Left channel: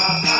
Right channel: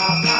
ha, ha.